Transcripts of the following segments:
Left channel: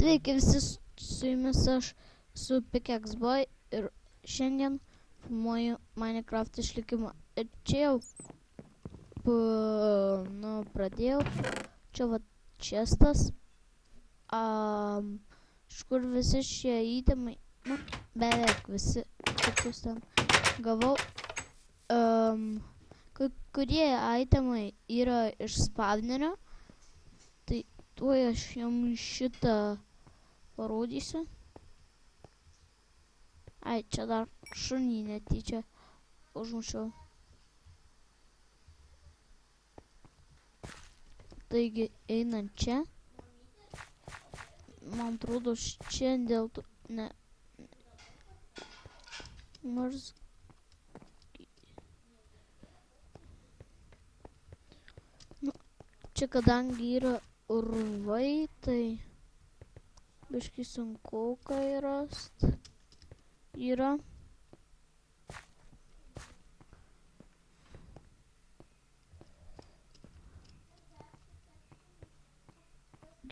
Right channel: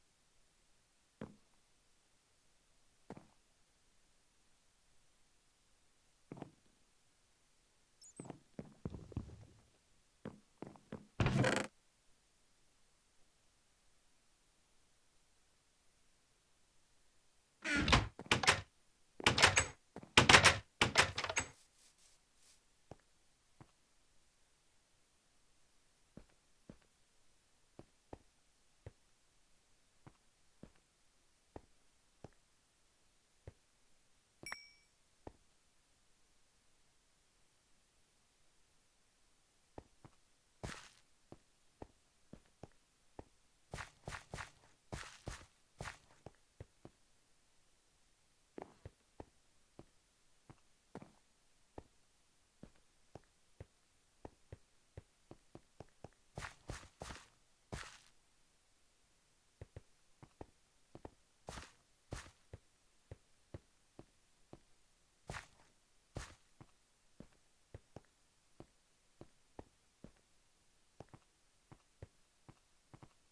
Sveiki visi, su jumis aš su Pickaxe Boy ir šiandien filmuoju Minecraft išlikimą. Ir čia jau pradėjau, čia va čestas, iš kur visi šie įtemai, beveik visi, kokius ten gavau. Kai kurie įtemai yra iš spawnerio, tai tuoj aš jums šitą parodysiu. Ai, čia dar šunį netyčia užmušiau. Taigi, einant čia. Man atrodo, čia dėl to... Ne. Nors... Nu, čia kadangi yra urvai, tai... biškai sunku kai rast. Yra.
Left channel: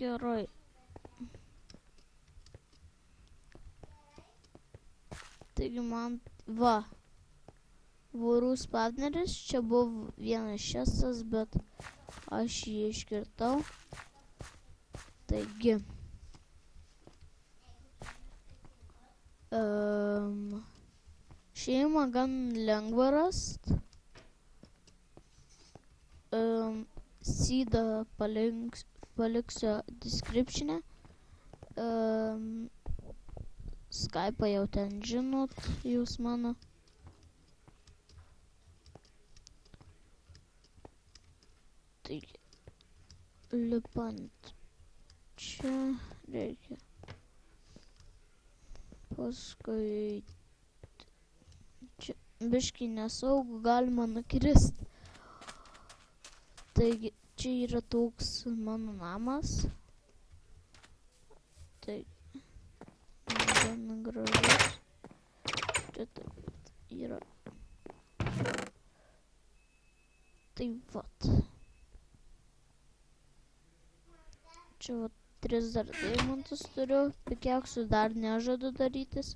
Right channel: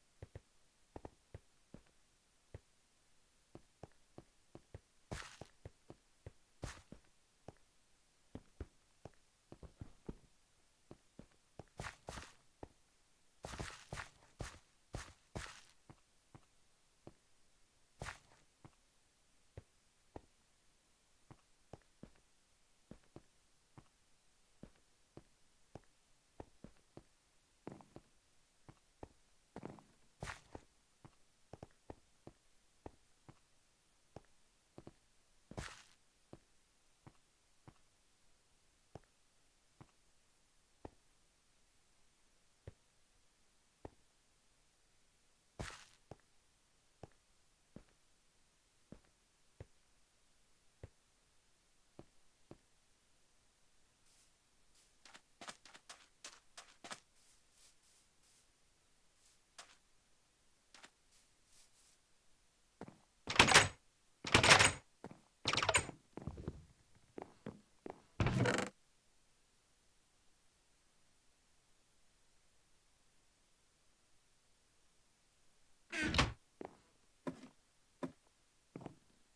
Gerai. Taigi man, va, vorų spawneris, čia buvo vienas šestas, bet aš jį iškirtau. Taigi. Šeimą gan lengva rast. Seedą paliksiu description'e. Skype'ą jau ten žinot, jūs mano. Taigi, lipant čia reikia. Paskui čia biškai nesaugu, galima nukrist. Taigi, čia yra toks mano namas. Taigi, gan gražus. Čia taip yra. Tai vat. Čia vat 3 dar deimantus turiu. Pickaxe'ų dar nežadu darytis.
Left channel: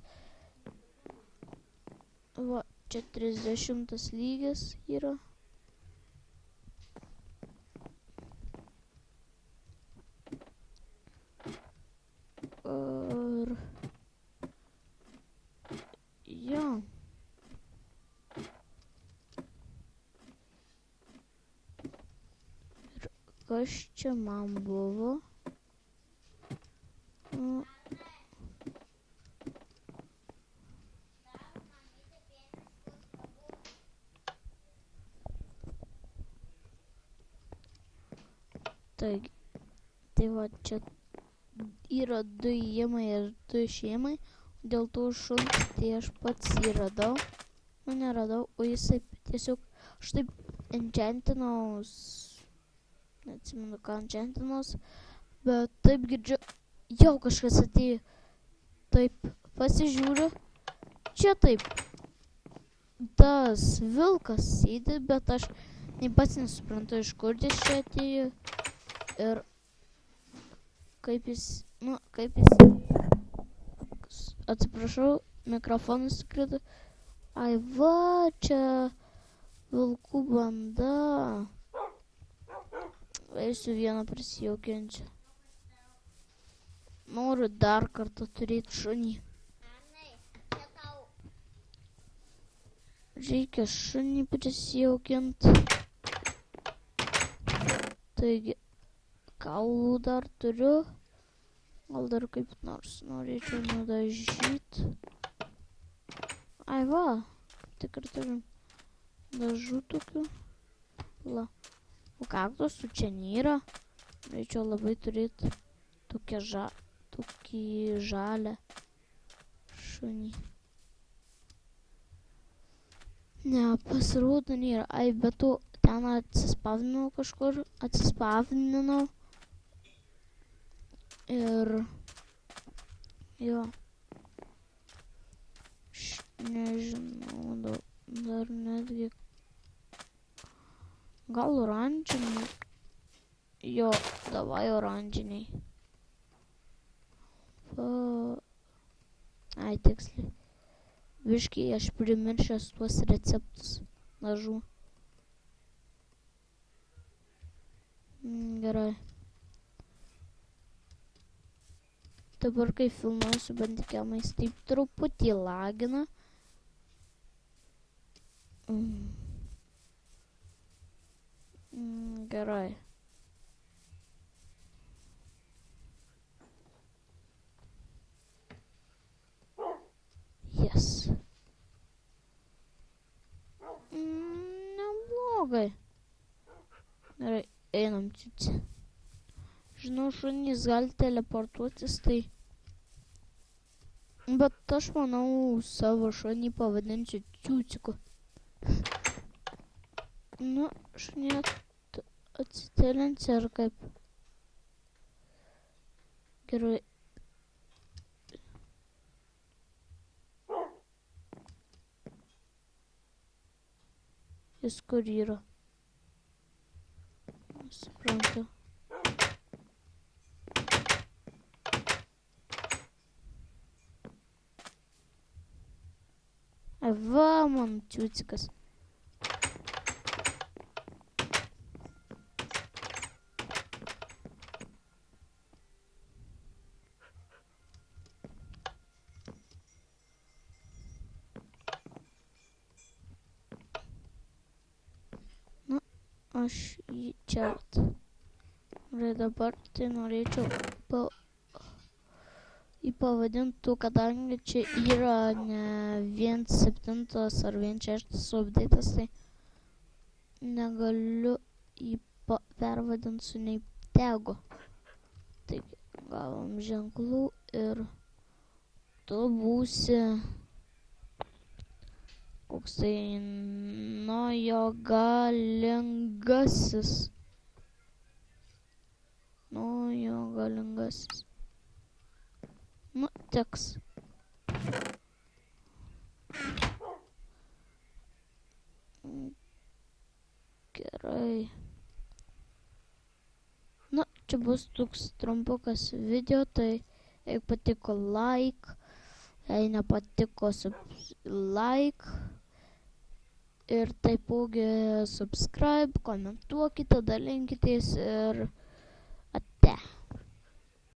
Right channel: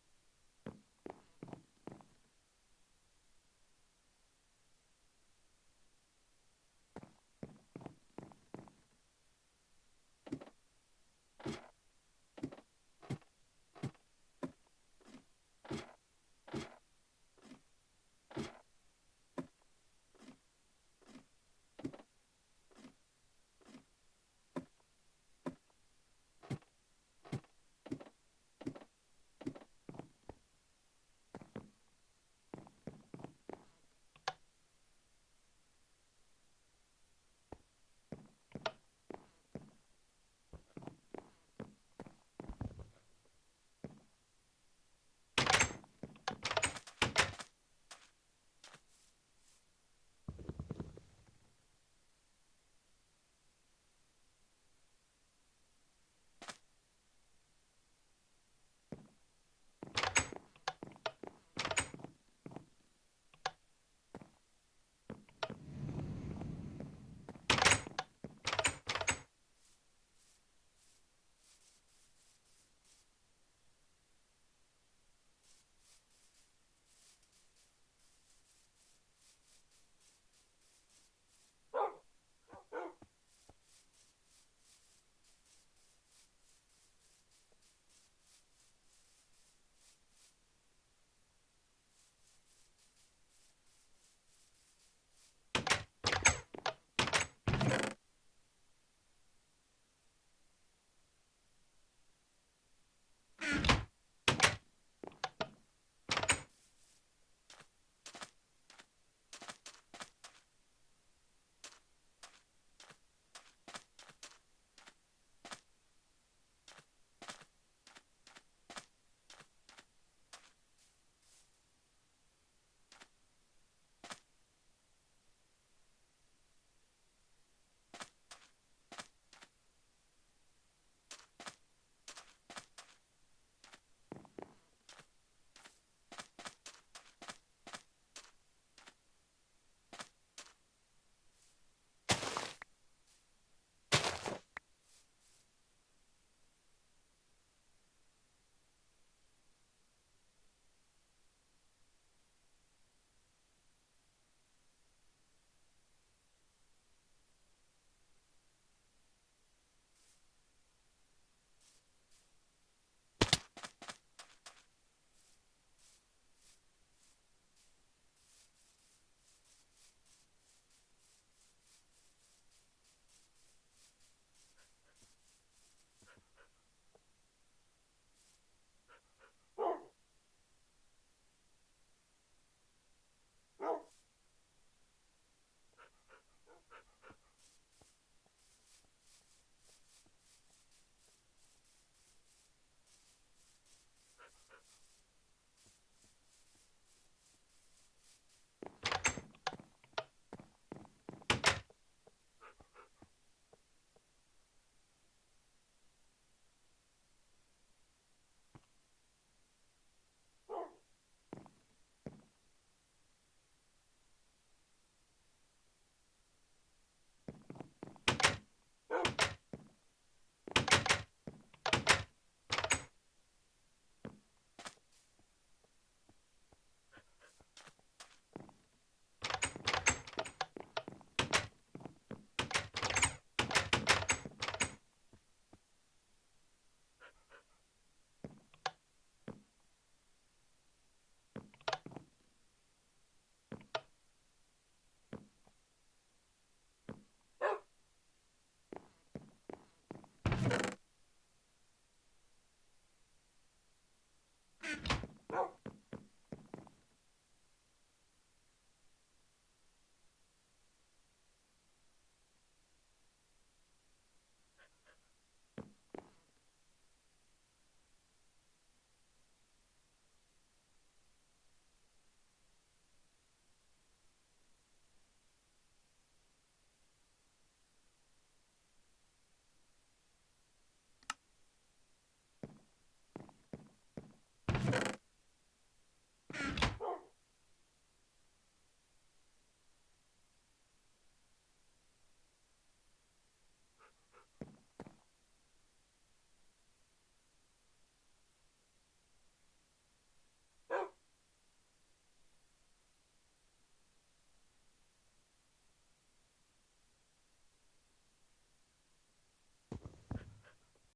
Va, čia 30 lygis yra. Ir... jo. Ir kas čia man buvo? Taigi, tai va čia yra 2 įėjimai ir 2 išėjimai. Dėl to šuns tai aš pats jį radau. Nu, neradau, o jisai tiesiog aš taip enchantinaus. Neatsimenu, ką enchantinaus. Bet taip girdžiu, jau kažkas atėjo. Taip, pasižiūriu. Čia taip. Tas vilkas sėdi, bet aš pats nesuprantu, iš kur jis čia atėjo. Ir kaip jis, atsiprašau, mikrofonas krito. Ai va, čia vilkų banda. Eisiu vieną prisijaukinsiu. Noriu dar kartą turėti šunį. Reikia šunį prisijaukinti. Taigi, kaulų dar turiu. Gal dar kaip nors norėčiau nudažyti. Ai va, tikrai turim dažų tokių. La. O kaktusų čia nėra. Norėčiau labai turėti tokį žalią šunį. Ne, pasirodo nėra. Ai, bet tu ten atsispavinau kažkur. Atsispavinau. Ir... jo. Nežinau, dar netgi... gal oranžiniai? Jo, davai oranžiniai. Pa... Ai, tiksliai. Viškai aš primiršęs tuos receptus dažų. Gerai. Dabar kai filmuosiu bandikėmais, taip truputį lagina. Gerai. Yes. Neblogai. Gerai, einam ciuci. Žinau, šunys gali teleportuotis, tai... Bet aš manau, savo šunį pavadinsiu Ciuciku. Nu, šunė atsitelinsi ar kaip? Gerai. Jis kur yra? Suprantu. Va, mano Ciucikas. Na, aš jį čiart. Ir dabar tai norėčiau jį pavadintų, kadangi čia yra ne 1.7 ar 1.6 update'as, tai negaliu jį pervadinti su nei tegu. Taigi, gavom ženklų ir tu būsi koks tai Nojo galingasis. Nojo galingasis. Nu, teks. Gerai. Na, čia bus toks trumpukas video, tai jeigu patiko like, jei nepatiko like ir taipogi subscribe, komentuokite, dalinkitės ir